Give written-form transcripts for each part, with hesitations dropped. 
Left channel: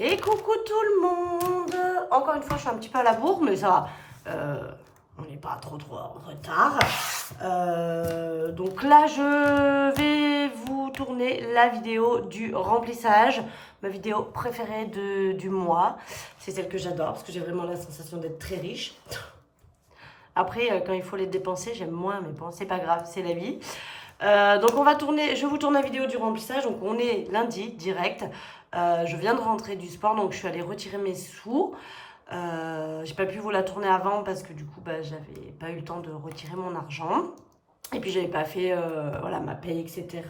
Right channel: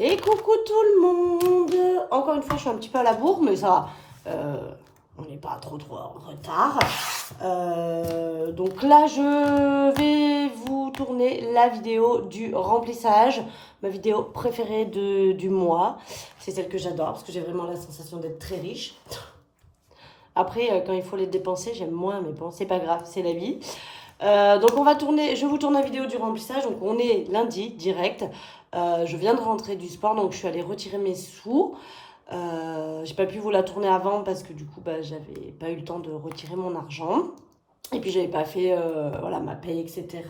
Et coucou tout le monde. Encore une fois, je suis un petit peu à la bourre, mais ça va. On n'est pas trop en retard. Donc là, je vais vous tourner la vidéo du remplissage. Ma vidéo préférée du mois. C'est celle que j'adore parce que j'ai vraiment la sensation d'être très riche. Après, quand il faut les dépenser, j'aime moins, mais bon, c'est pas grave, c'est la vie. Donc je vous tourne la vidéo du remplissage. Donc on est lundi, direct. Je viens de rentrer du sport, donc je suis allée retirer mes sous. J'ai pas pu vous la tourner avant parce que du coup, j'avais pas eu le temps de retirer mon argent. Et puis j'avais pas fait voilà, ma paye, etc.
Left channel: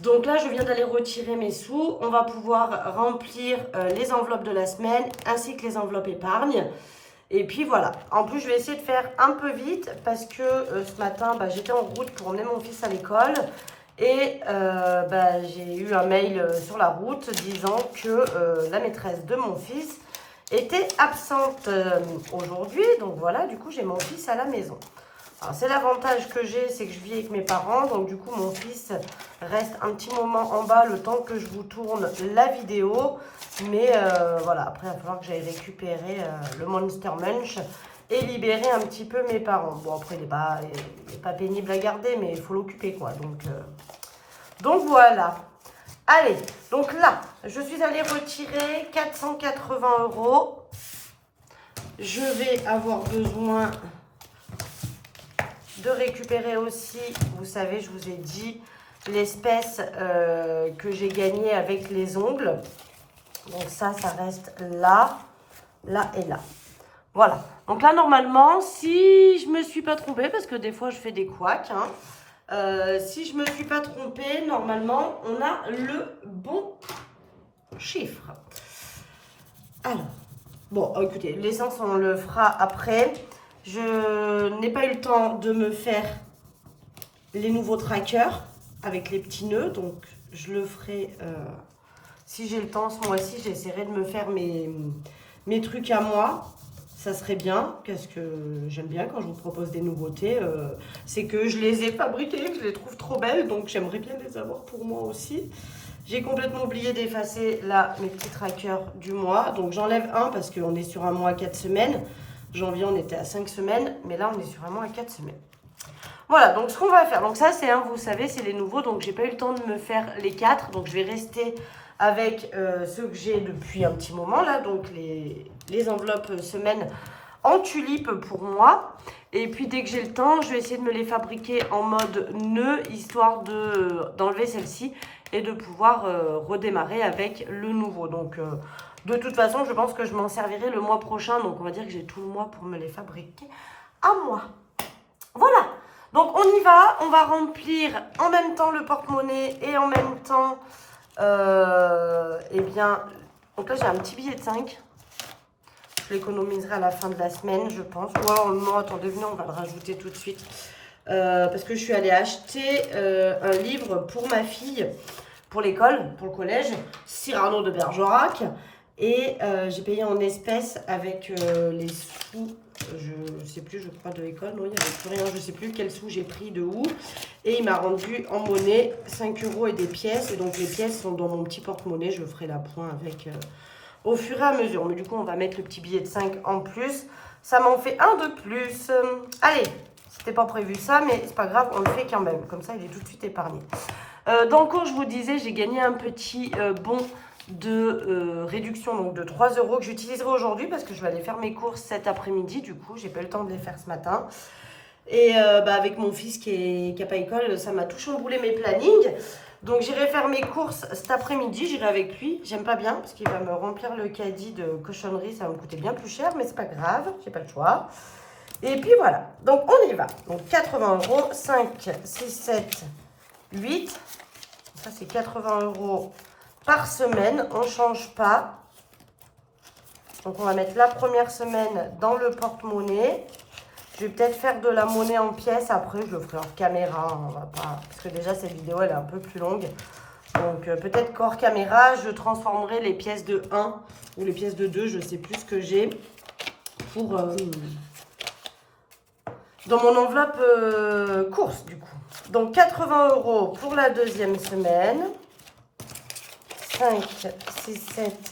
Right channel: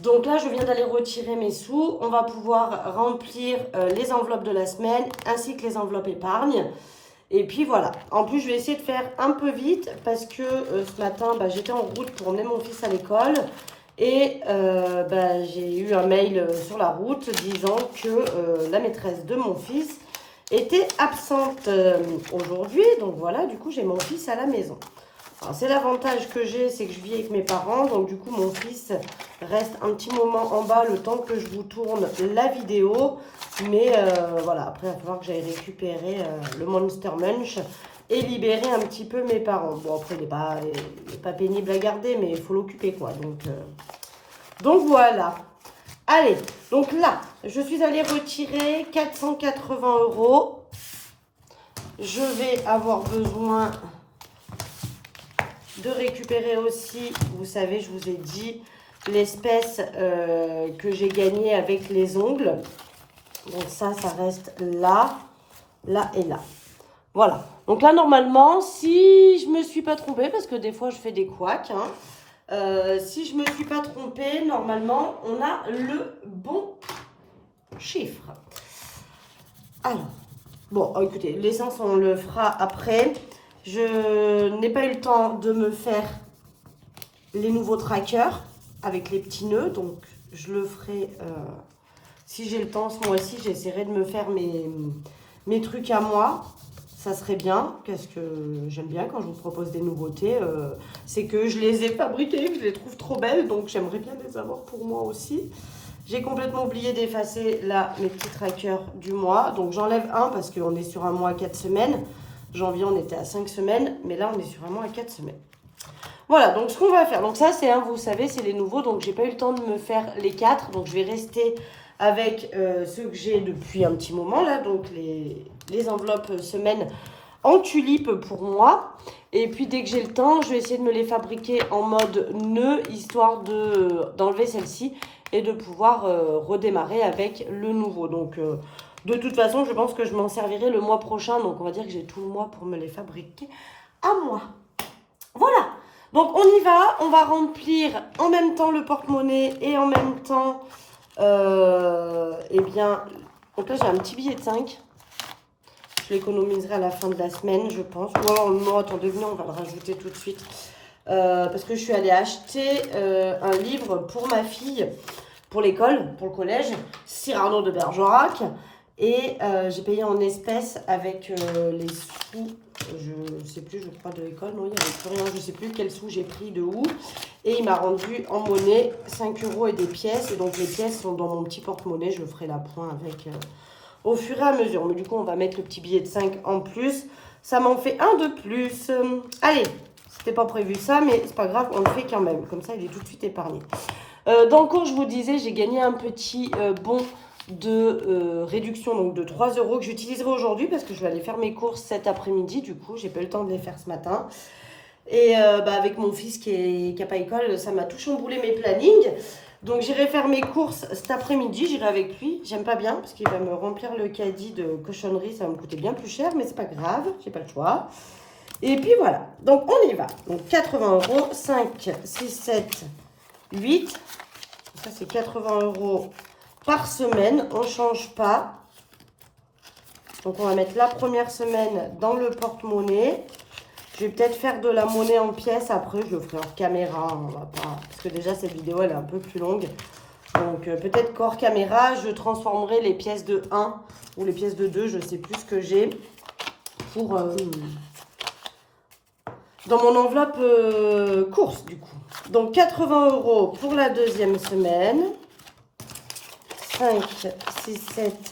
Donc là, je viens d'aller retirer mes sous. On va pouvoir remplir les enveloppes de la semaine ainsi que les enveloppes épargne. Et puis voilà. En plus, je vais essayer de faire un peu vite parce que ce matin, j'étais en route pour emmener mon fils à l'école. Et j'ai eu un mail sur la route disant que la maîtresse de mon fils était absente aujourd'hui. Donc voilà, du coup, j'ai mon fils à la maison. Alors, c'est l'avantage que j'ai, c'est que je vis avec mes parents. Donc du coup, mon fils reste un petit moment en bas le temps que je vous tourne la vidéo. Mais voilà, après, il va falloir que j'aille récupérer le Monster Munch et libérer un petit peu mes parents. Bon, après, il n'est pas pénible à garder, mais il faut l'occuper, quoi. Donc voilà. Allez, donc là, je suis allée retirer 480 €. Je vais avoir besoin de récupérer aussi, vous savez, je vous ai dit, l'espèce que j'ai gagnée avec les ongles. Donc ça reste là, là et là. Voilà. Donc là, normalement, si je me suis pas trompée, parce que des fois, je fais des couacs, si je me suis pas trompée, normalement, on a le bon chiffre. Alors, bon, écoutez, l'essence, on le fera après. Je n'ai pas eu le temps de me faire les nouveaux trackers avec les petits nœuds, donc je le ferai si j'ai le temps ce mois-ci. J'essaierai de me faire mes trucs à moi. Ça serait bien, parce que j'aime bien quand je vous propose des nouveautés. C'est que je les ai fabriquées, que je les trouve trop belles, donc j'aimerais bien les avoir pour moi aussi. J'ai complètement oublié d'effacer là mes petits trackers du mois. Donc j'enlève un parce qu'on est sur un mois à 4 semaines. Janvier, on était à 5 semaines, mais là, on est sur un mois à 4 semaines. Voilà, donc ce qu'on va faire, donc ça, c'est vous savez, c'est les nouveaux. Donc, j'ai pas eu le temps de me faire les 4. Donc, je vais rester avec ceux que j'ai depuis un petit moment, là. Donc, les enveloppes semaines en tulipe pour moi. Et puis, dès que j'ai le temps, je vais essayer de me les fabriquer en mode nœud, histoire d'enlever celle-ci et de pouvoir redémarrer avec le nouveau. Donc, de toute façon, je pense que je m'en servirai le mois prochain. Donc, on va dire que j'ai tout le mois pour me les fabriquer à moi. Voilà. Donc, on y va. On va remplir en même temps le porte-monnaie et en même temps, donc là, j'ai un petit billet de 5. Je l'économiserai à la fin de la semaine, je pense. Non, attendez, venez, on va le rajouter tout de suite. Parce que je suis allée acheter un livre pour ma fille, pour l'école, pour le collège, Cyrano de Bergerac. Et j'ai payé en espèces avec les sous, je ne sais plus, je crois, de l'école. Non, il n'y avait plus rien, je ne sais plus quels sous j'ai pris de où. Et il m'a rendu en monnaie 5 € et des pièces. Et donc les pièces sont dans mon petit porte-monnaie. Je ferai la pointe avec au fur et à mesure. Mais du coup, on va mettre le petit billet de 5 en plus. Ça m'en fait un de plus. Allez, c'était pas prévu ça, mais c'est pas grave, on le fait quand même. Comme ça, il est tout de suite épargné. Dans le cours, je vous disais, j'ai gagné un petit bon de réduction, donc de 3 € que j'utiliserai aujourd'hui parce que je vais aller faire mes courses cet après-midi. Du coup, j'ai pas eu le temps de les faire ce matin. Et avec mon fils qui n'a pas école, ça m'a tout chamboulé mes plannings. Donc j'irai faire mes courses cet après-midi, j'irai avec lui. J'aime pas bien parce qu'il va me remplir le caddie de cochonnerie, ça va me coûter bien plus cher, mais c'est pas grave, j'ai pas le choix. Et puis voilà, donc on y va. Donc 80 €, 5, 6, 7, 8. Ça c'est 80 € par semaine, on ne change pas. Donc on va mettre la première semaine dans le porte-monnaie. Je vais peut-être faire de la monnaie en pièces après, je le ferai hors caméra, on va pas, parce que déjà cette vidéo elle est un peu plus longue. Donc peut-être qu'hors caméra, je transformerai les pièces de 1 ou les pièces de 2, je ne sais plus ce que j'ai, pour dans mon enveloppe course du coup. Donc 80 € pour la deuxième semaine. 5, 6, 7,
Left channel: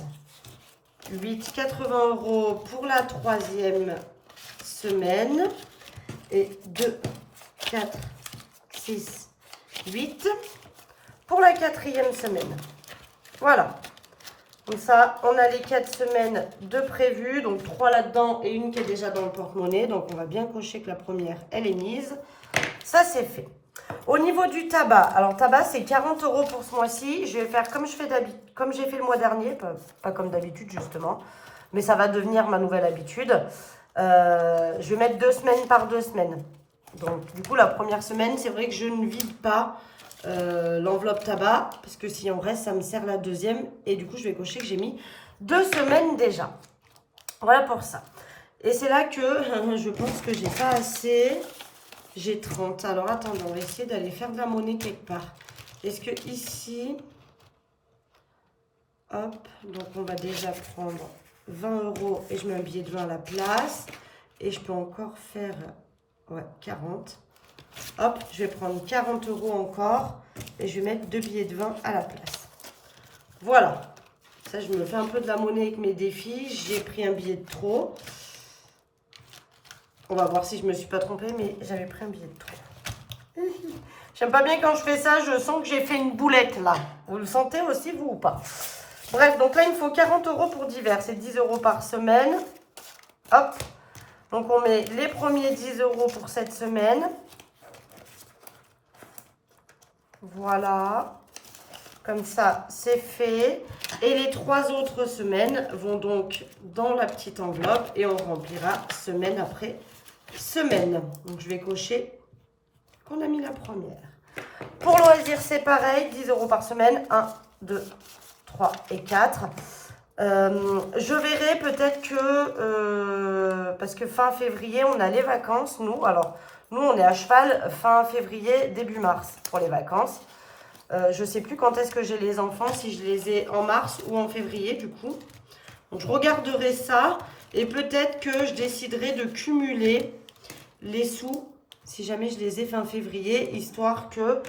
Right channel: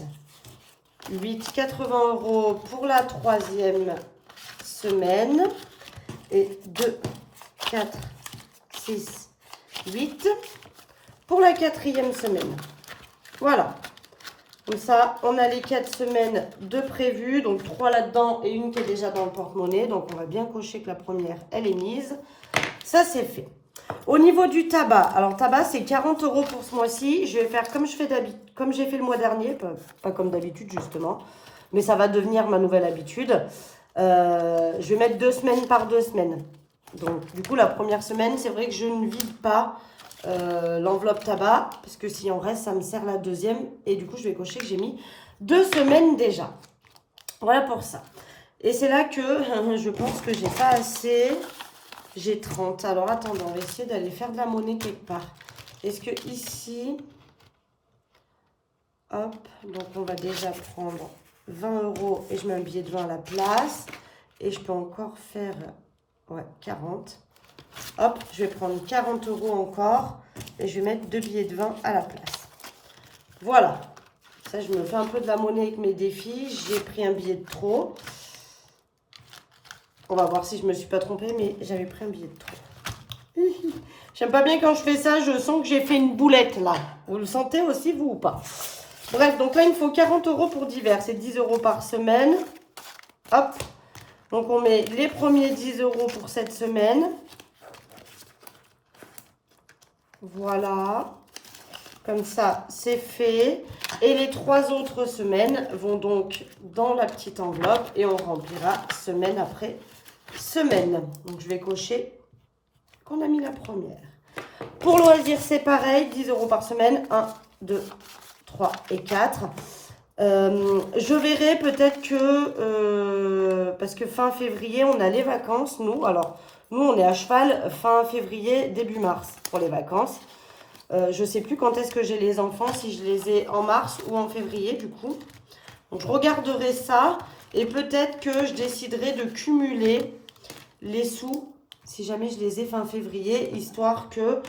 8, 80 € pour la 3e semaine. Et 2, 4, 6, 8 pour la 4e semaine. Voilà. Comme ça, on a les 4 semaines de prévues. Donc 3 là-dedans et une qui est déjà dans le porte-monnaie. Donc on va bien cocher que la première, elle est mise. Ça, c'est fait. Au niveau du tabac, alors tabac, c'est 40 € pour ce mois-ci. Je vais faire comme j'ai fait le mois dernier, pas comme d'habitude justement. Mais ça va devenir ma nouvelle habitude. Je vais mettre 2 semaines par 2 semaines. Donc du coup, la première semaine, c'est vrai que je ne vide pas l'enveloppe tabac, parce que si en reste, ça me sert la deuxième. Et du coup, je vais cocher que j'ai mis 2 semaines déjà. Voilà pour ça. Et c'est là que je pense que j'ai pas assez. J'ai 30. Alors attendez, on va essayer d'aller faire de la monnaie quelque part. Est-ce que ici, hop, donc on va déjà prendre 20 € et je mets un billet de 20 à la place. Et je peux encore faire, ouais, 40. Hop, je vais prendre 40 € encore et je vais mettre 2 billets de 20 à la place. Voilà. Ça, je me fais un peu de la monnaie avec mes défis. J'ai pris un billet de trop. On va voir si je me suis pas trompée, mais j'avais pris un billet de trop. J'aime pas bien quand je fais ça, je sens que j'ai fait une boulette là. Vous le sentez aussi, vous ou pas? Bref, donc là, il me faut 40 € pour divers. C'est 10 € par semaine. Hop. Donc on met les premiers 10 € pour cette semaine. Voilà. Comme ça, c'est fait. Et les 3 autres semaines vont donc dans la petite enveloppe et on remplira semaine après semaine. Donc, je vais cocher qu'on a mis la première. Pour loisir, c'est pareil. 10 € par semaine. 1, 2, 3 et 4. Je verrai peut-être que... parce que fin février, on a les vacances, nous. Alors, nous, on est à cheval fin février, début mars pour les vacances. Je ne sais plus quand est-ce que j'ai les enfants, si je les ai en mars ou en février du coup. Donc je regarderai ça et peut-être que je déciderai de cumuler les sous si jamais je les ai fin février, histoire que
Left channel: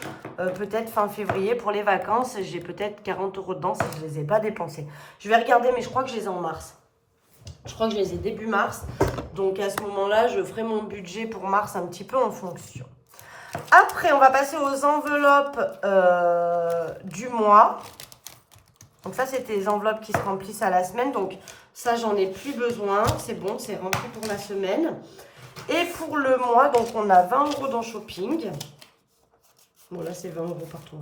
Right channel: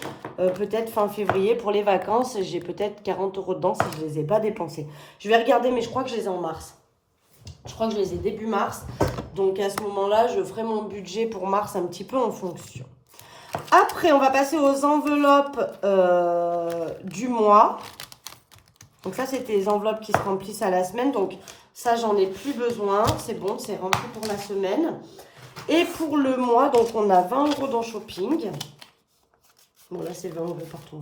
peut-être fin février pour les vacances, j'ai peut-être 40 € dedans si je ne les ai pas dépensés. Je vais regarder, mais je crois que je les ai en mars. Je crois que je les ai début mars. Donc à ce moment-là, je ferai mon budget pour mars un petit peu en fonction. Après, on va passer aux enveloppes du mois. Donc ça, c'était les enveloppes qui se remplissent à la semaine. Donc ça, j'en ai plus besoin. C'est bon, c'est rempli pour la semaine. Et pour le mois, donc on a 20 € dans shopping. Bon, là, c'est 20 € partout.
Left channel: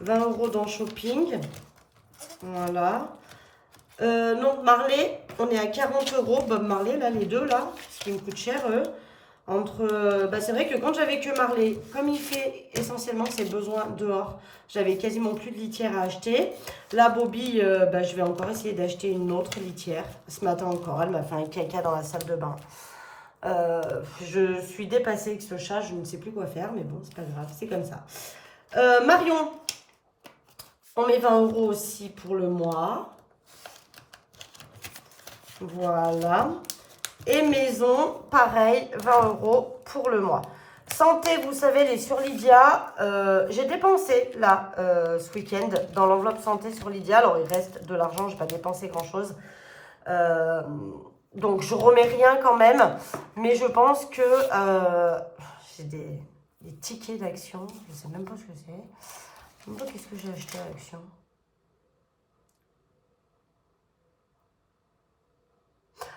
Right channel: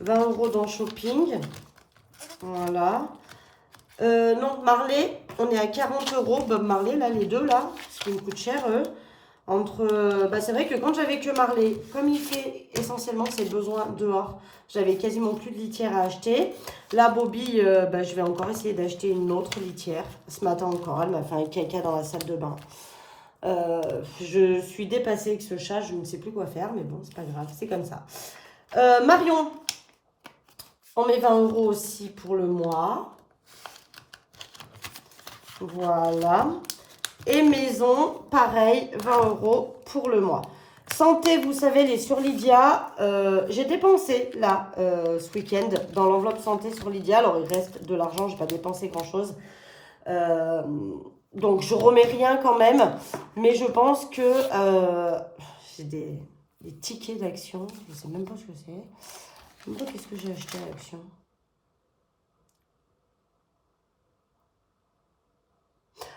20 € dans shopping. Voilà. Non, Marley, on est à 40 €. Bob Marley, là, les deux, là, parce qu'ils me coûtent cher, eux. C'est vrai que quand j'avais que Marley, comme il fait essentiellement ses besoins dehors, j'avais quasiment plus de litière à acheter. Là, Bobby, je vais encore essayer d'acheter une autre litière. Ce matin encore, elle m'a fait un caca dans la salle de bain. Je suis dépassée avec ce chat, je ne sais plus quoi faire, mais bon, c'est pas grave, c'est comme ça. Marion, on met 20 € aussi pour le mois. Voilà. Et maison, pareil, 20 € pour le mois. Santé, vous savez, elle est sur Lydia. J'ai dépensé là ce week-end dans l'enveloppe santé sur Lydia. Alors il reste de l'argent, je n'ai pas dépensé grand-chose. Donc je remets rien quand même. Mais je pense que j'ai des tickets d'action. Je ne sais même pas ce que c'est. Je ne sais pas qu'est-ce que j'ai acheté à l'action.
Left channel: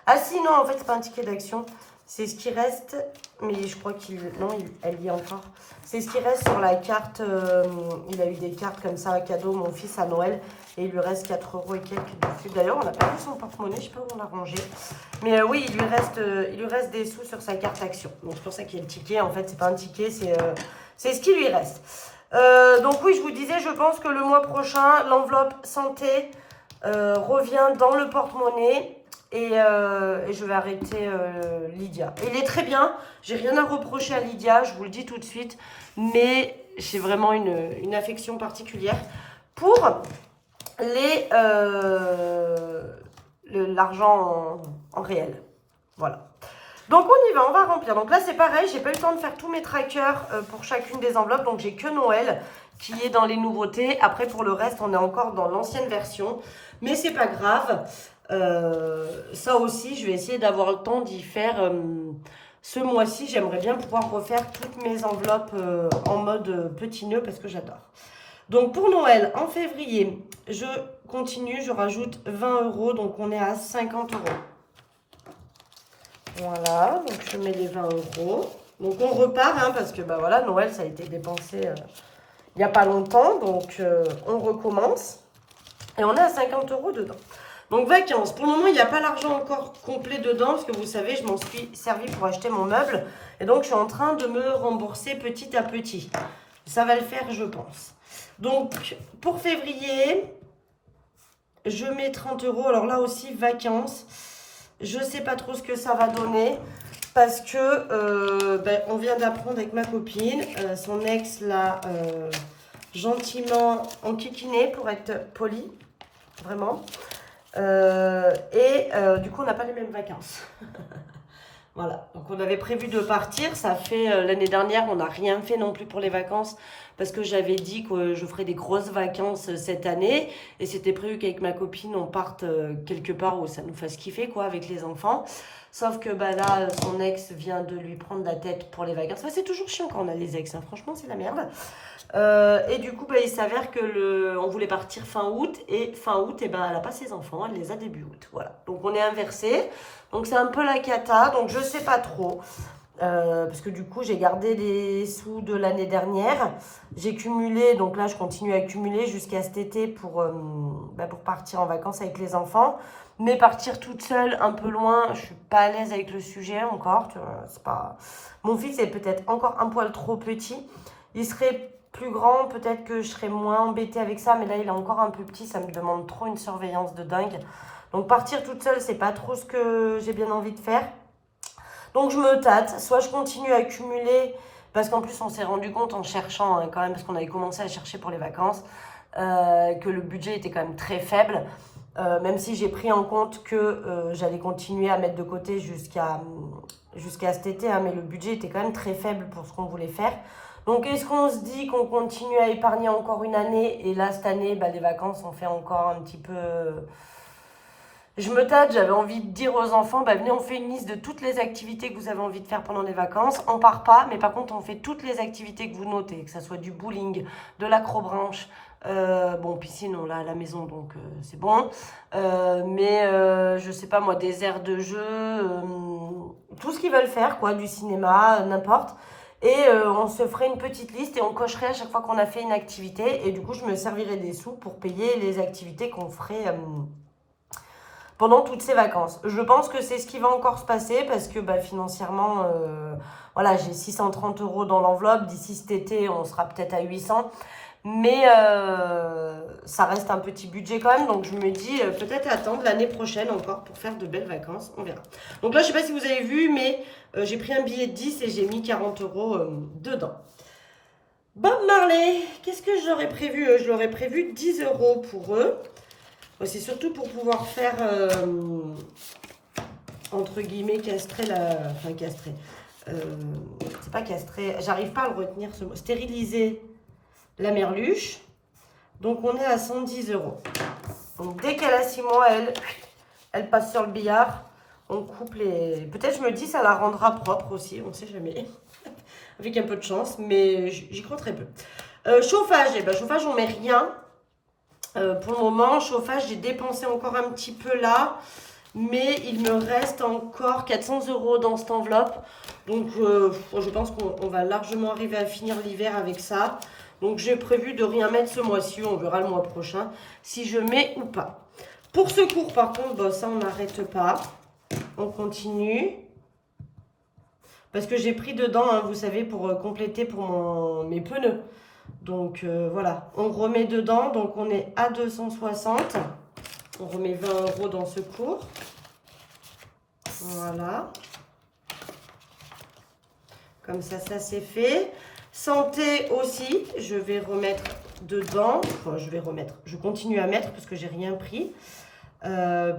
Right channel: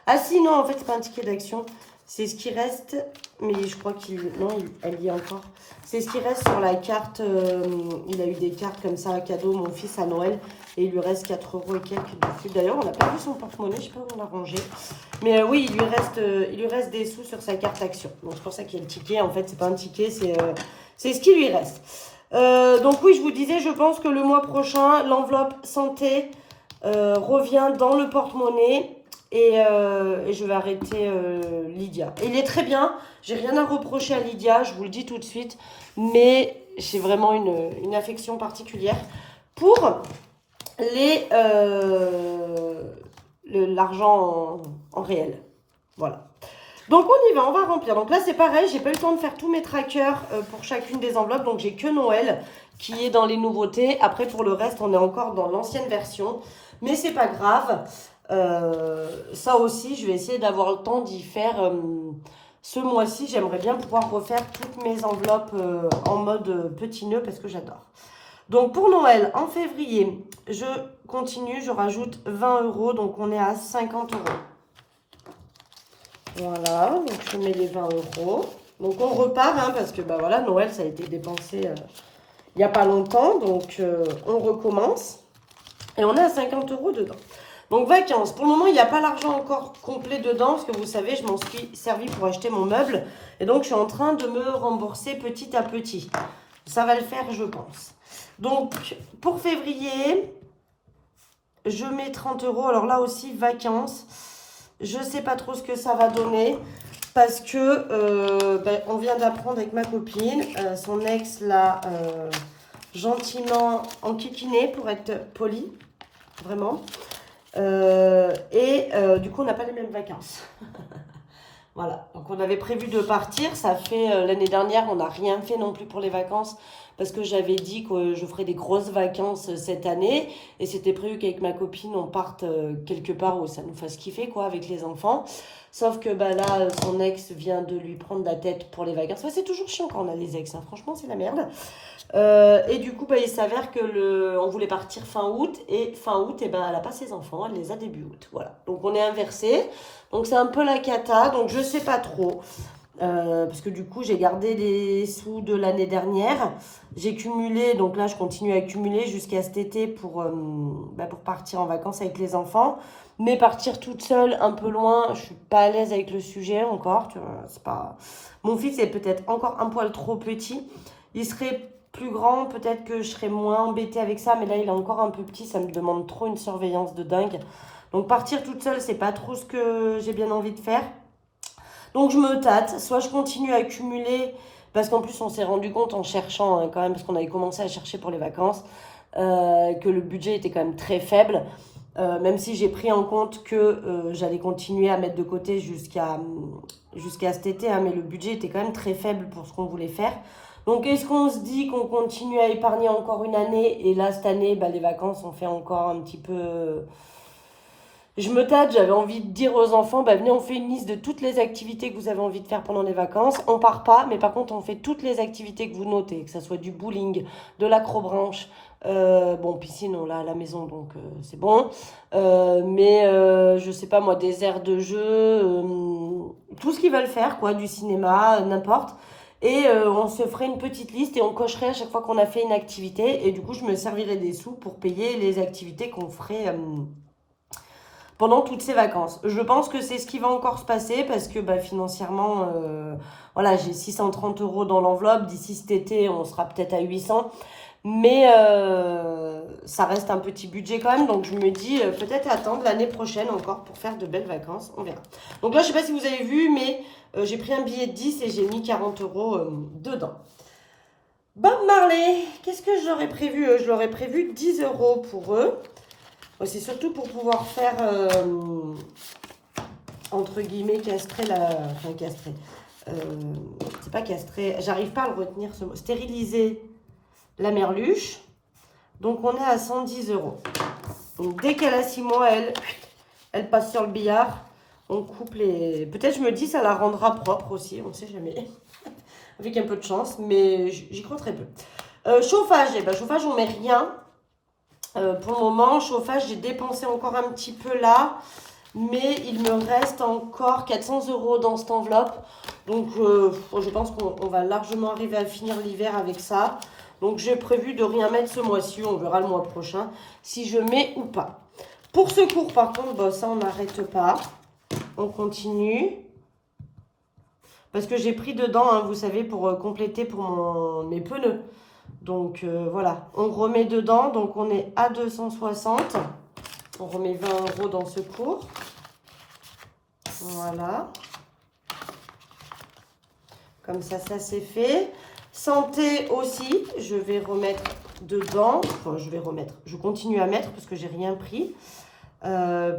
Ah si, non, en fait, c'est pas un ticket d'action. C'est ce qui reste, mais je crois elle y est encore. C'est ce qui reste sur la carte. Il a eu des cartes comme ça, un cadeau, mon fils, à Noël. Et il lui reste 4 € et quelques. D'ailleurs, on n'a pas vu son porte-monnaie, je sais pas où on l'a rangé. Mais oui, il lui reste des sous sur sa carte action. Donc c'est pour ça qu'il y a le ticket. En fait, c'est pas un ticket, c'est ce qui lui reste. Donc oui, je vous disais, je pense que le mois prochain, l'enveloppe santé revient dans le porte-monnaie. Et je vais arrêter Lydia. Il est très bien. J'ai rien à reprocher à Lydia, je vous le dis tout de suite. Mais j'ai vraiment une affection particulière pour l'argent en réel. Voilà. Donc on y va, on va remplir. Donc là c'est pareil, j'ai pas eu le temps de faire tous mes trackers pour chacune des enveloppes. Donc j'ai que Noël qui est dans les nouveautés. Après pour le reste, on est encore dans l'ancienne version. Mais c'est pas grave. Ça aussi, je vais essayer d'avoir le temps d'y faire ce mois-ci. J'aimerais bien pouvoir refaire toutes mes enveloppes en mode petit nœud parce que j'adore. Donc pour Noël, en février, je continue, je rajoute 20 euros. Donc on est à 50 euros. Voilà, donc je mets les 20 euros. Donc on repart, hein, parce que bah voilà, Noël, ça a été dépensé il n'y a pas longtemps. Donc on recommence. Et on est à 50 euros dedans. Donc vacances. Pour le moment, il n'y a pas l'argent encore complet dedans. Parce que vous savez, je m'en suis servi pour acheter mon meuble. Et donc, je suis en train de me rembourser petit à petit. Ça va le faire, je pense. Donc, pour février, je mets 30 euros. Alors là aussi, vacances. Je ne sais pas trop ce que ça va donner. Parce que on vient d'apprendre avec ma copine. Son ex l'a gentiment enquiquiné pour être poli. Vraiment. Du coup, on n'a pas les mêmes vacances. Voilà. Donc, on avait prévu de partir. Ça fait l'année dernière, on n'a rien fait non plus pour les vacances. Parce que j'avais dit que je ferais des grosses vacances cette année. Et c'était prévu qu'avec ma copine, on parte quelque part où ça nous fasse kiffer, quoi, avec les enfants. Sauf que bah, là, son ex vient de lui prendre la tête pour les vacances. Enfin, c'est toujours chiant quand on a des ex. Hein. Franchement, c'est la merde. Et du coup, bah, il s'avère que on voulait partir fin août. Et fin août, et ben, elle n'a pas ses enfants. Elle les a début août. Voilà. Donc, on est inversé. Donc, c'est un peu la cata. Donc, je ne sais pas trop. Parce que du coup, j'ai gardé les sous de l'année dernière. J'ai cumulé. Donc là, je continue à cumuler jusqu'à cet été pour partir en vacances avec les enfants. Mais partir toute seule, un peu loin, je suis pas à l'aise avec le sujet encore. Tu vois, c'est pas... Mon fils est peut-être encore un poil trop petit. Il serait plus grand, peut-être que je serais moins embêtée avec ça. Mais là, il est encore un peu petit. Ça me demande trop une surveillance de dingue. Donc partir toute seule, c'est pas trop ce que j'ai bien envie de faire. Donc je me tâte. Soit je continue à cumuler. Parce qu'en plus, on s'est rendu compte en cherchant quand même, parce qu'on avait commencé à chercher pour les vacances, que le budget était quand même très faible. Même si j'ai pris en compte que j'allais continuer à mettre de côté jusqu'à cet été, hein, mais le budget était quand même très faible pour ce qu'on voulait faire. Donc, est-ce qu'on se dit qu'on continue à épargner encore une année? Et là, cette année, bah, les vacances, on fait encore un petit peu... Je me tâte, j'avais envie de dire aux enfants, bah, venez, on fait une liste de toutes les activités que vous avez envie de faire pendant les vacances. On part pas, mais par contre, on fait toutes les activités que vous notez, que ce soit du bowling, de l'acrobranche. Bon, piscine, on l'a à la maison, donc c'est bon. Je sais pas moi, des aires de jeu, tout ce qu'ils veulent faire, quoi, du cinéma, n'importe. Et on se ferait une petite liste et on cocherait à chaque fois qu'on a fait une activité. Et du coup, je me servirais des sous pour payer les activités qu'on ferait pendant toutes ces vacances. Je pense que c'est ce qui va encore se passer parce que bah, financièrement, voilà, j'ai 630 euros dans l'enveloppe. D'ici cet été, on sera peut-être à 800. Mais ça reste un petit budget quand même. Donc je me dis peut-être attendre l'année prochaine encore pour faire de belles vacances. On verra. Donc là, je ne sais pas si vous avez vu, mais j'ai pris un billet de 10 et j'ai mis 40 euros dedans. Bob Marley, qu'est-ce que je leur ai prévu? Je leur ai prévu 10 euros pour eux. C'est surtout pour pouvoir faire, entre guillemets, castrer la... Enfin, castrer. C'est pas castrer. J'arrive pas à le retenir ce mot. Stériliser la merluche. Donc, on est à 110 euros. Donc, dès qu'elle a 6 mois, elle passe sur le billard. On coupe les... Peut-être, je me dis, ça la rendra propre aussi. On ne sait jamais. Avec un peu de chance. Mais j'y crois très peu. Chauffage. Eh ben, chauffage, on met rien. Pour le moment, chauffage, j'ai dépensé encore un petit peu là. Mais il me reste encore 400 euros dans cette enveloppe. Donc, je pense qu'on va largement arriver à finir l'hiver avec ça. Donc, j'ai prévu de rien mettre ce mois-ci. On verra le mois prochain si je mets ou pas. Pour secours, par contre, bah, ça, on n'arrête pas. On continue. Parce que j'ai pris dedans, hein, vous savez, pour compléter pour mes pneus. Donc, voilà. On remet dedans. Donc, on est à 260. On remet 20 euros dans secours. Voilà. Comme ça, ça c'est fait. Santé aussi, je vais remettre dedans. Enfin, je continue à mettre parce que j'ai rien pris.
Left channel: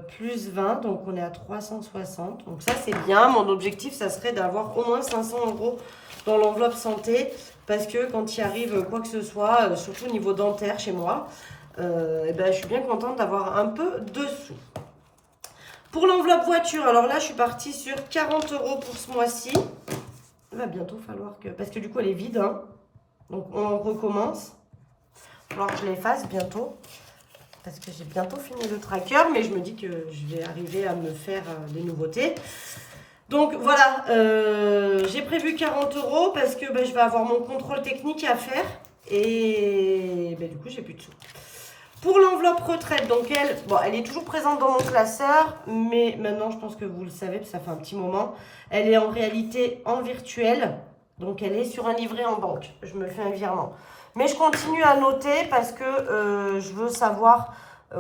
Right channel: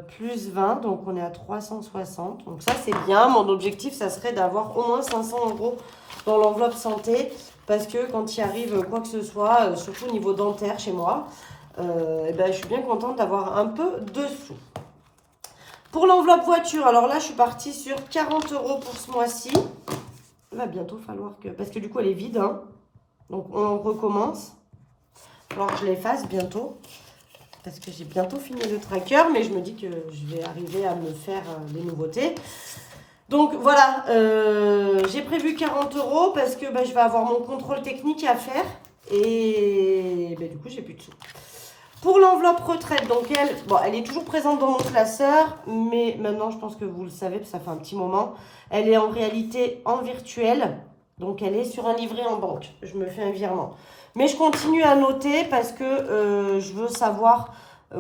Plus 20, donc on est à 360. Donc ça, c'est bien. Mon objectif, ça serait d'avoir au moins 500 euros dans l'enveloppe santé. Parce que quand il arrive quoi que ce soit, surtout au niveau dentaire chez moi, et ben, je suis bien contente d'avoir un peu de sous. Pour l'enveloppe voiture, alors là, je suis partie sur 40 € pour ce mois-ci. Il va bientôt falloir que... Parce que du coup, elle est vide, hein. Donc, on recommence. Il va falloir que je l'efface bientôt. Parce que j'ai bientôt fini le tracker. Mais je me dis que je vais arriver à me faire des nouveautés. Donc, voilà. J'ai prévu 40 € parce que je vais avoir mon contrôle technique à faire. Et du coup, j'ai plus de sous. Pour l'enveloppe retraite, donc elle est toujours présente dans mon classeur, mais maintenant je pense que vous le savez, parce que ça fait un petit moment, elle est en réalité en virtuel, donc elle est sur un livret en banque. Je me fais un virement. Mais je continue à noter parce que je veux savoir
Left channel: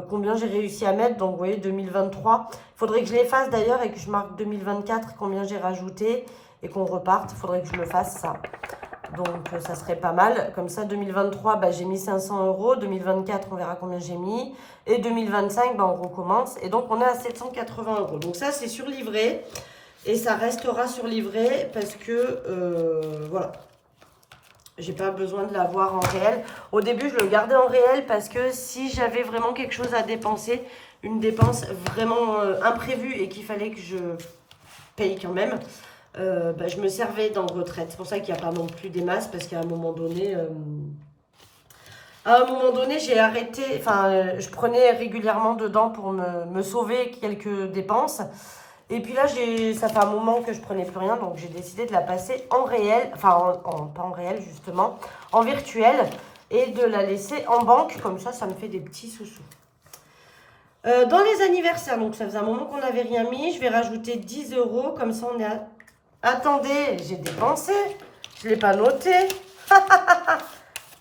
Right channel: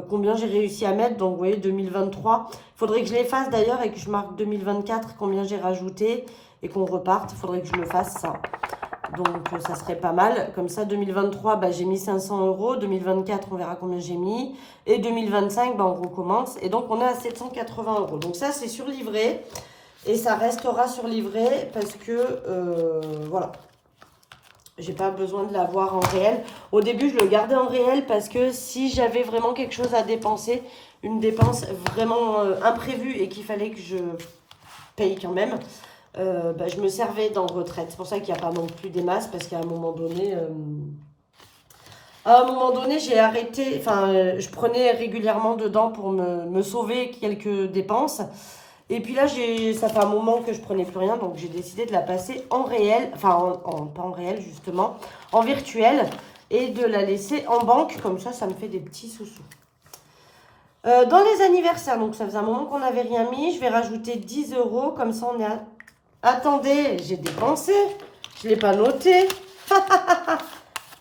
combien j'ai réussi à mettre, donc vous voyez 2023. Il faudrait que je l'efface d'ailleurs et que je marque 2024, combien j'ai rajouté et qu'on reparte. Il faudrait que je le fasse ça. Donc, ça serait pas mal. Comme ça, 2023, j'ai mis 500 €. 2024, on verra combien j'ai mis. Et 2025, on recommence. Et donc, on est à 780 €. Donc, ça, c'est sur livret. Et ça restera sur livret parce que, voilà. J'ai pas besoin de l'avoir en réel. Au début, je le gardais en réel parce que si j'avais vraiment quelque chose à dépenser, une dépense vraiment imprévue et qu'il fallait que je paye quand même... je me servais dans retraite. C'est pour ça qu'il n'y a pas non plus des masses, parce qu'à un moment donné, j'ai arrêté, je prenais régulièrement dedans pour me sauver quelques dépenses. Et puis là, ça fait un moment que je prenais plus rien, donc j'ai décidé de la passer en réel, pas en réel justement, en virtuel, et de la laisser en banque, comme ça me fait des petits sous-sous. Dans les anniversaires, donc ça faisait un moment qu'on n'avait rien mis, je vais rajouter 10 €, comme ça on est à... Attendez, j'ai dépensé. Je ne l'ai pas noté.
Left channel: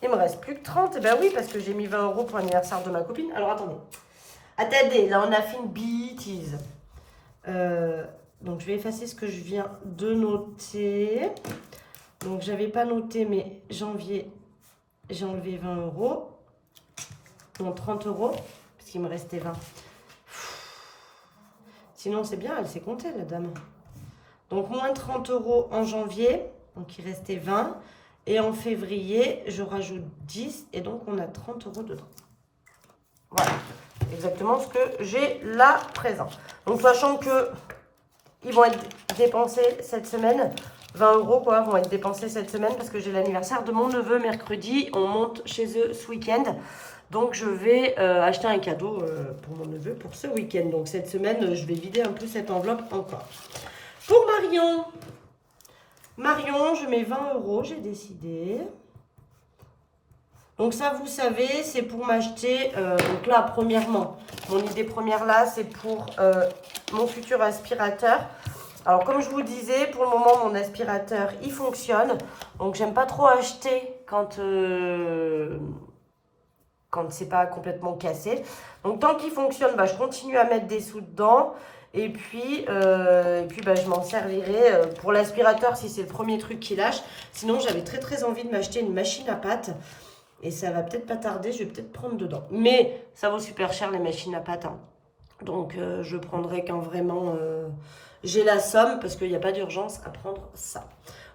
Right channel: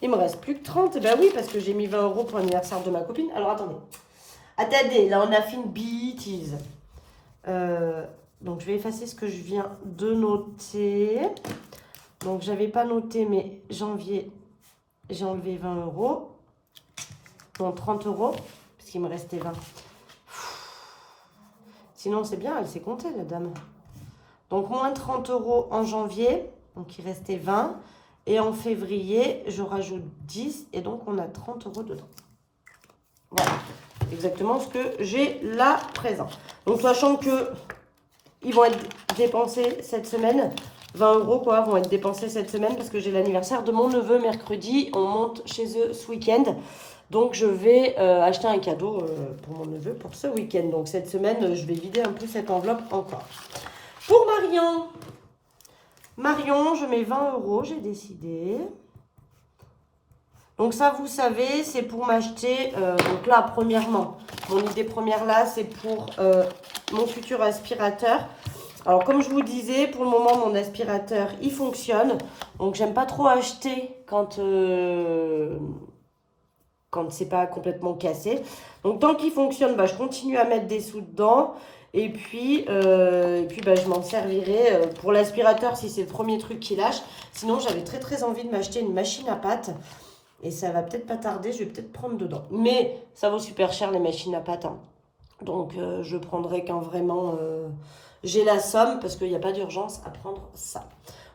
Il me reste plus que 30. Eh ben oui, parce que j'ai mis 20 € pour l'anniversaire de ma copine. Alors, attendez. Attendez, là, on a fait une bêtise. Donc, je vais effacer ce que je viens de noter. Donc, je n'avais pas noté, mais janvier, j'ai enlevé 20 €. Donc, 30 €, parce qu'il me restait 20. Sinon, c'est bien, elle s'est comptée, la dame. Donc, moins 30 € en janvier. Donc, il restait 20. Et en février, je rajoute 10. Et donc, on a 30 € dedans. Voilà. Exactement ce que j'ai là présent. Donc, sachant que ils vont être dépensés cette semaine. 20 € quoi, vont être dépensés cette semaine parce que j'ai l'anniversaire de mon neveu mercredi. On monte chez eux ce week-end. Donc, je vais acheter un cadeau pour mon neveu pour ce week-end. Donc, cette semaine, je vais vider un peu cette enveloppe encore. Pour Marion, je mets 20 €, j'ai décidé. Donc ça, vous savez, c'est pour m'acheter, donc là, premièrement, mon idée première là, c'est pour mon futur aspirateur. Alors, comme je vous disais, pour le moment, mon aspirateur, il fonctionne. Donc, j'aime pas trop acheter quand c'est pas complètement cassé. Donc, tant qu'il fonctionne, je continue à mettre des sous dedans. Et puis je m'en servirai pour l'aspirateur si c'est le premier truc qui lâche. Sinon, j'avais très envie de m'acheter une machine à pâte. Et ça va peut-être pas tarder, je vais peut-être prendre dedans. Mais ça vaut super cher les machines à pâte. Hein. Donc, je prendrai quand vraiment j'ai la somme parce qu'il n'y a pas d'urgence à prendre ça.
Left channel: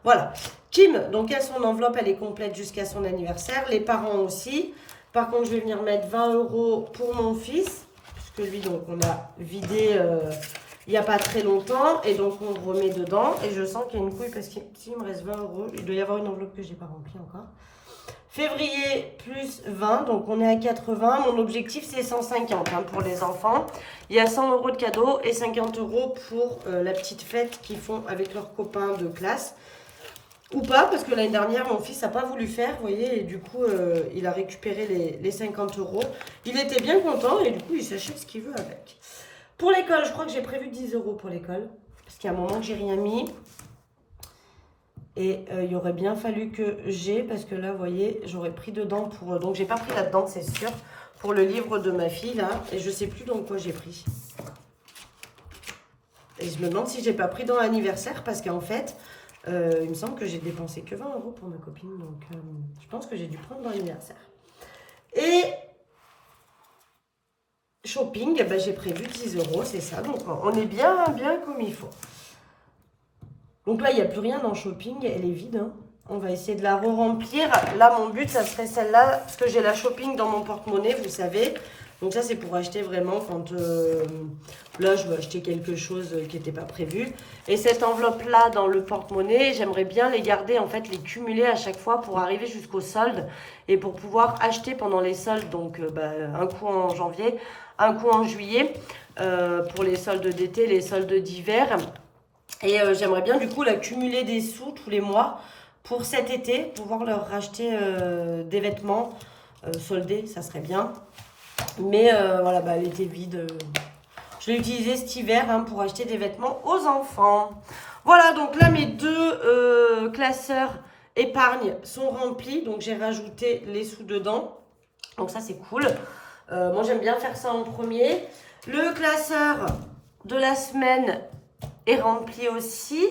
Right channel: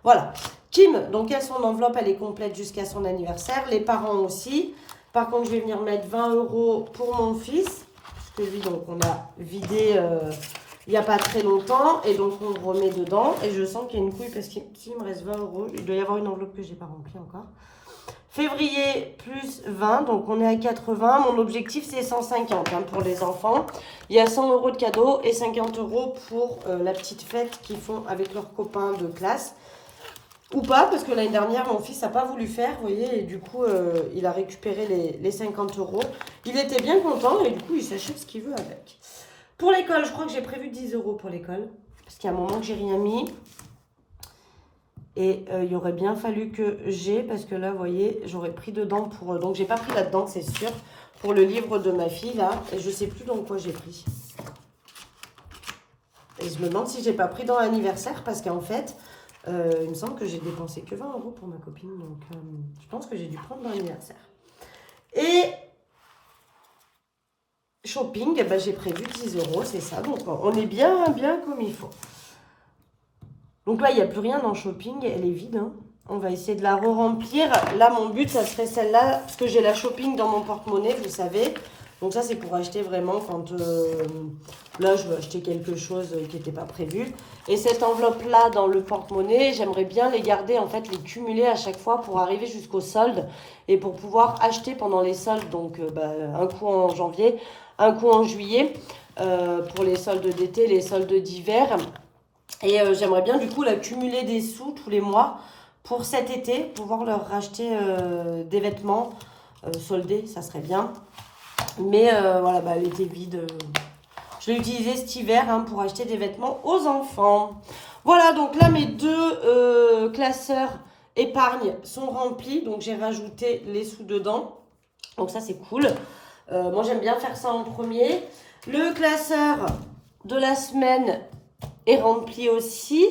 Voilà. Kim, donc elle, son enveloppe, elle est complète jusqu'à son anniversaire. Les parents aussi. Par contre, je vais venir mettre 20 € pour mon fils. Que lui, donc, on a vidé il n'y a pas très longtemps. Et donc, on remet dedans. Et je sens qu'il y a une couille parce qu'il me reste 20 €. Il doit y avoir une enveloppe que je n'ai pas remplie encore. Février, plus 20. Donc, on est à 80. Mon objectif, c'est 150 pour les enfants. Il y a 100 € de cadeaux et 50 € pour la petite fête qu'ils font avec leurs copains de classe. Ou pas, parce que l'année dernière, mon fils n'a pas voulu faire, vous voyez, et du coup, il a récupéré les 50 €. Il était bien content, et du coup, il s'achète ce qu'il veut avec. Pour l'école, je crois que j'ai prévu 10 € pour l'école, parce qu'il y a un moment que j'ai rien mis. Et il aurait bien fallu que j'ai, parce que là, vous voyez, j'aurais pris dedans pour... donc, j'ai pas pris là-dedans, c'est sûr, pour le livre de ma fille, là, et je sais plus dans quoi j'ai pris. Et je me demande si j'ai pas pris dans l'anniversaire, parce qu'en fait... il me semble que j'ai dépensé que 20 € pour ma copine. Donc, je pense que j'ai dû prendre dans l'anniversaire. Et shopping, j'ai prévu 10 €, c'est ça. Donc, on est bien comme il faut. Donc là, il n'y a plus rien dans shopping. Elle est vide. Hein. On va essayer de la re-remplir. Là, mon but, ça serait celle-là, parce que j'ai la shopping dans mon porte-monnaie, vous savez. Donc ça, c'est pour acheter vraiment quand... là, je veux acheter quelque chose qui n'était pas prévu. Et cette enveloppe-là, dans le porte-monnaie, j'aimerais bien les garder, en fait, les cumuler à chaque fois pour arriver jusqu'au solde. Et pour pouvoir acheter pendant les soldes, donc un coup en janvier, un coup en juillet, pour les soldes d'été, les soldes d'hiver. Et j'aimerais bien, du coup, la cumuler des sous tous les mois pour cet été, pouvoir leur racheter des vêtements soldés, ça serait bien. Mais voilà, elle était vide. Je l'ai utilisé cet hiver pour acheter des vêtements aux enfants. Voilà, donc là, mes deux classeurs épargne sont remplis. Donc, j'ai rajouté les sous dedans. Donc, ça, c'est cool. Moi, j'aime bien faire ça en premier. Le classeur de la semaine est rempli aussi.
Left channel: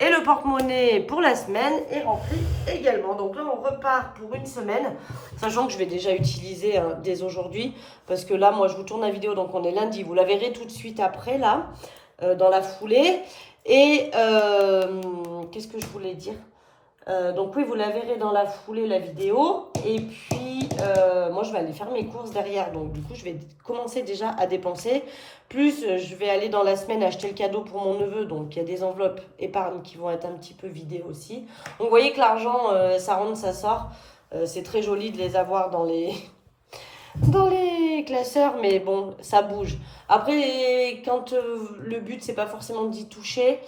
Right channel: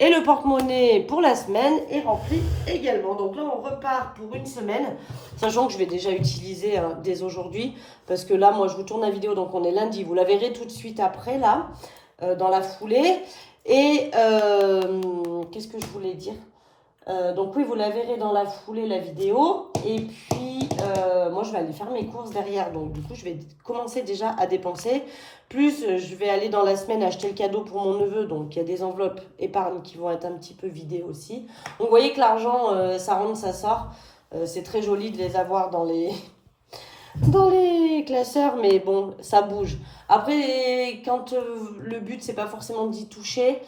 Et le porte-monnaie pour la semaine est rempli également. Donc là, on repart pour une semaine. Sachant que je vais déjà utiliser dès aujourd'hui. Parce que là, moi, je vous tourne la vidéo. Donc, on est lundi. Vous la verrez tout de suite après, là, dans la foulée. Et qu'est-ce que je voulais dire? Donc oui, vous la verrez dans la foulée, la vidéo. Et puis, moi, je vais aller faire mes courses derrière. Donc, du coup, je vais commencer déjà à dépenser. Plus, je vais aller dans la semaine acheter le cadeau pour mon neveu. Donc, il y a des enveloppes épargne qui vont être un petit peu vidées aussi. Donc, vous voyez que l'argent, ça rentre, ça sort. C'est très joli de les avoir dans les... dans les classeurs, mais bon, ça bouge. Après, quand le but, c'est pas forcément d'y toucher...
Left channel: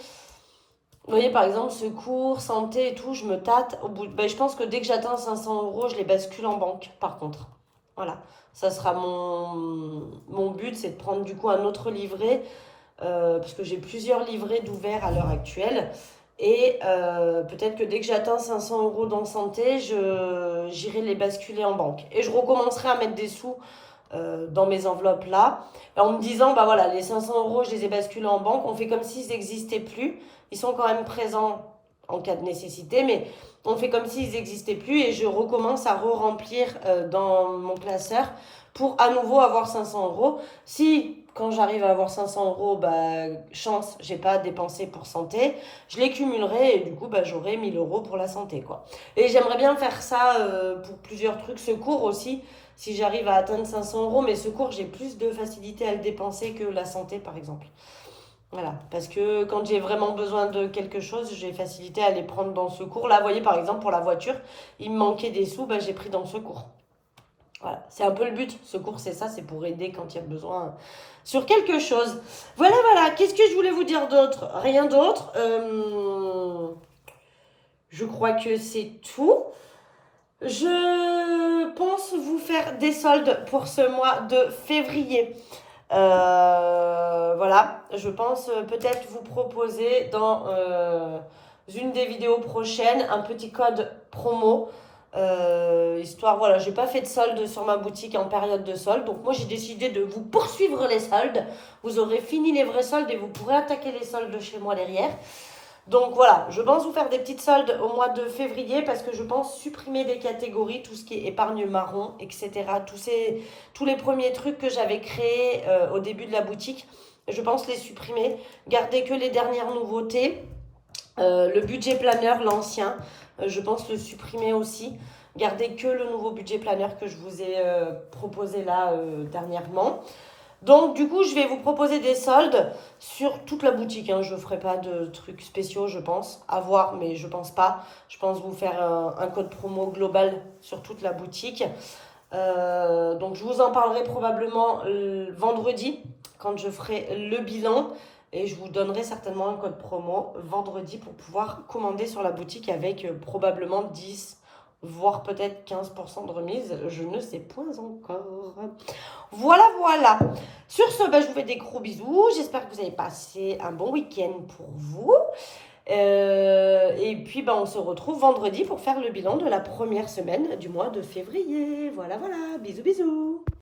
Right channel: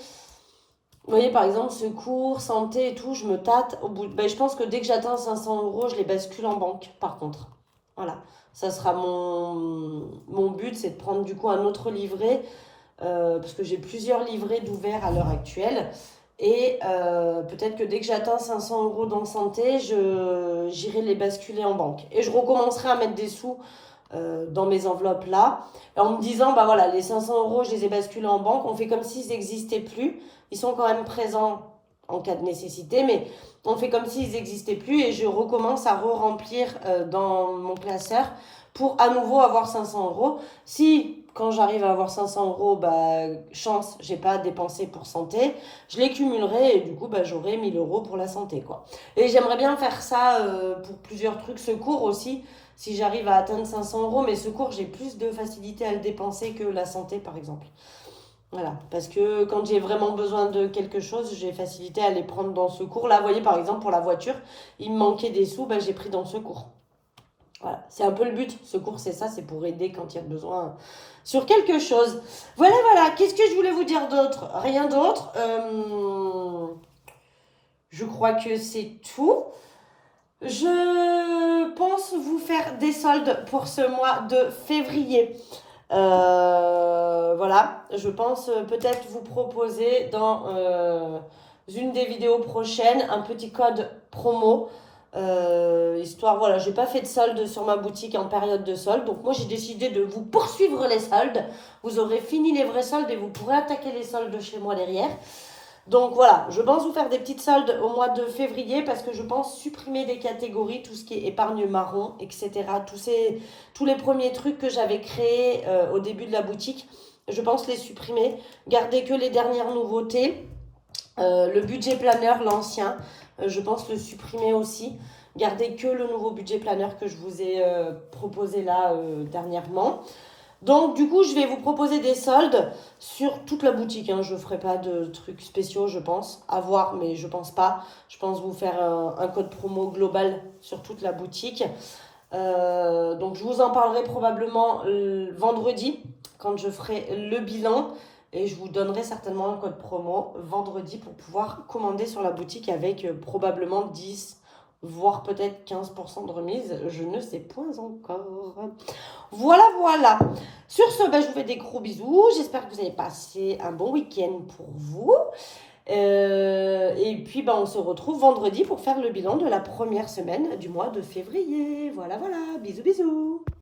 Vous voyez, par exemple, secours, santé et tout, je me tâte. Au bout je pense que dès que j'atteins 500 euros, je les bascule en banque, par contre. Voilà, ça sera mon but, c'est de prendre du coup un autre livret, parce que j'ai plusieurs livrets d'ouverts à l'heure actuelle. Et peut-être que dès que j'atteins 500 euros dans santé, j'irai les basculer en banque. Et je recommencerai à mettre des sous dans mes enveloppes là, en me disant, voilà, les 500 euros, je les ai basculés en banque. On fait comme s'ils n'existaient plus. Ils sont quand même présents en cas de nécessité, mais on fait comme s'ils n'existaient plus et je recommence à re-remplir dans mon classeur pour à nouveau avoir 500 euros. Si, quand j'arrive à avoir 500 euros, chance, j'ai pas à dépenser pour santé, je les cumulerai et du coup, j'aurai 1000 euros pour la santé, quoi. Et j'aimerais bien faire ça pour plusieurs trucs, secours aussi, si j'arrive à atteindre 500 euros, mais secours, j'ai plus de facilité à le dépenser que la santé, par exemple. Voilà, parce que quand j'ai vraiment besoin de quelque chose, j'ai facilité à les prendre dans secours. Là, vous voyez, par exemple, pour la voiture, il me manquait des sous, j'ai pris dans secours. Voilà, c'est un peu le but. Secours, c'est ça, c'est pour aider quand il y a besoin sur quelque chose. Voilà, voilà. Qu'est-ce que je voulais vous dire d'autre? Rien d'autre. Je crois que c'est tout. Je pense vous faire des soldes pour ce mois de février. Voilà, je pense peut-être vous proposer dans une des vidéos prochaines un petit code promo. Histoire, voilà, j'ai pas fait de solde sur ma boutique en période de solde. Donc moi j'ai décidé de vous poursuivre les soldes. Vous aurez fini les vrais soldes et vous pourrez attaquer les soldes chez moi derrière. Donc voilà, je pense vous faire des petites soldes au mois de février parce que je pense supprimer des catégories, tout ce qui est épargne marron, etc. Tous les premiers trucs que j'avais créés au début de la boutique, je pense les supprimer. Garder que les dernières nouveautés. Le budget planeur, l'ancien, je pense le supprimer aussi. Garder que le nouveau budget planeur que je vous ai proposé là dernièrement. Donc, du coup, je vais vous proposer des soldes sur toute la boutique. Je ne ferai pas de trucs spéciaux, je pense. À voir, mais je pense pas. Je pense vous faire un code promo global sur toute la boutique. Donc, je vous en parlerai probablement vendredi, quand je ferai le bilan. Et je vous donnerai certainement un code promo vendredi pour pouvoir commander sur la boutique avec probablement 10, voire peut-être 15% de remise. Je ne sais point encore. Voilà, voilà. Sur ce, je vous fais des gros bisous. J'espère que vous avez passé un bon week-end pour vous. Et puis, on se retrouve vendredi pour faire le bilan de la première semaine du mois de février. Voilà, voilà. Bisous, bisous.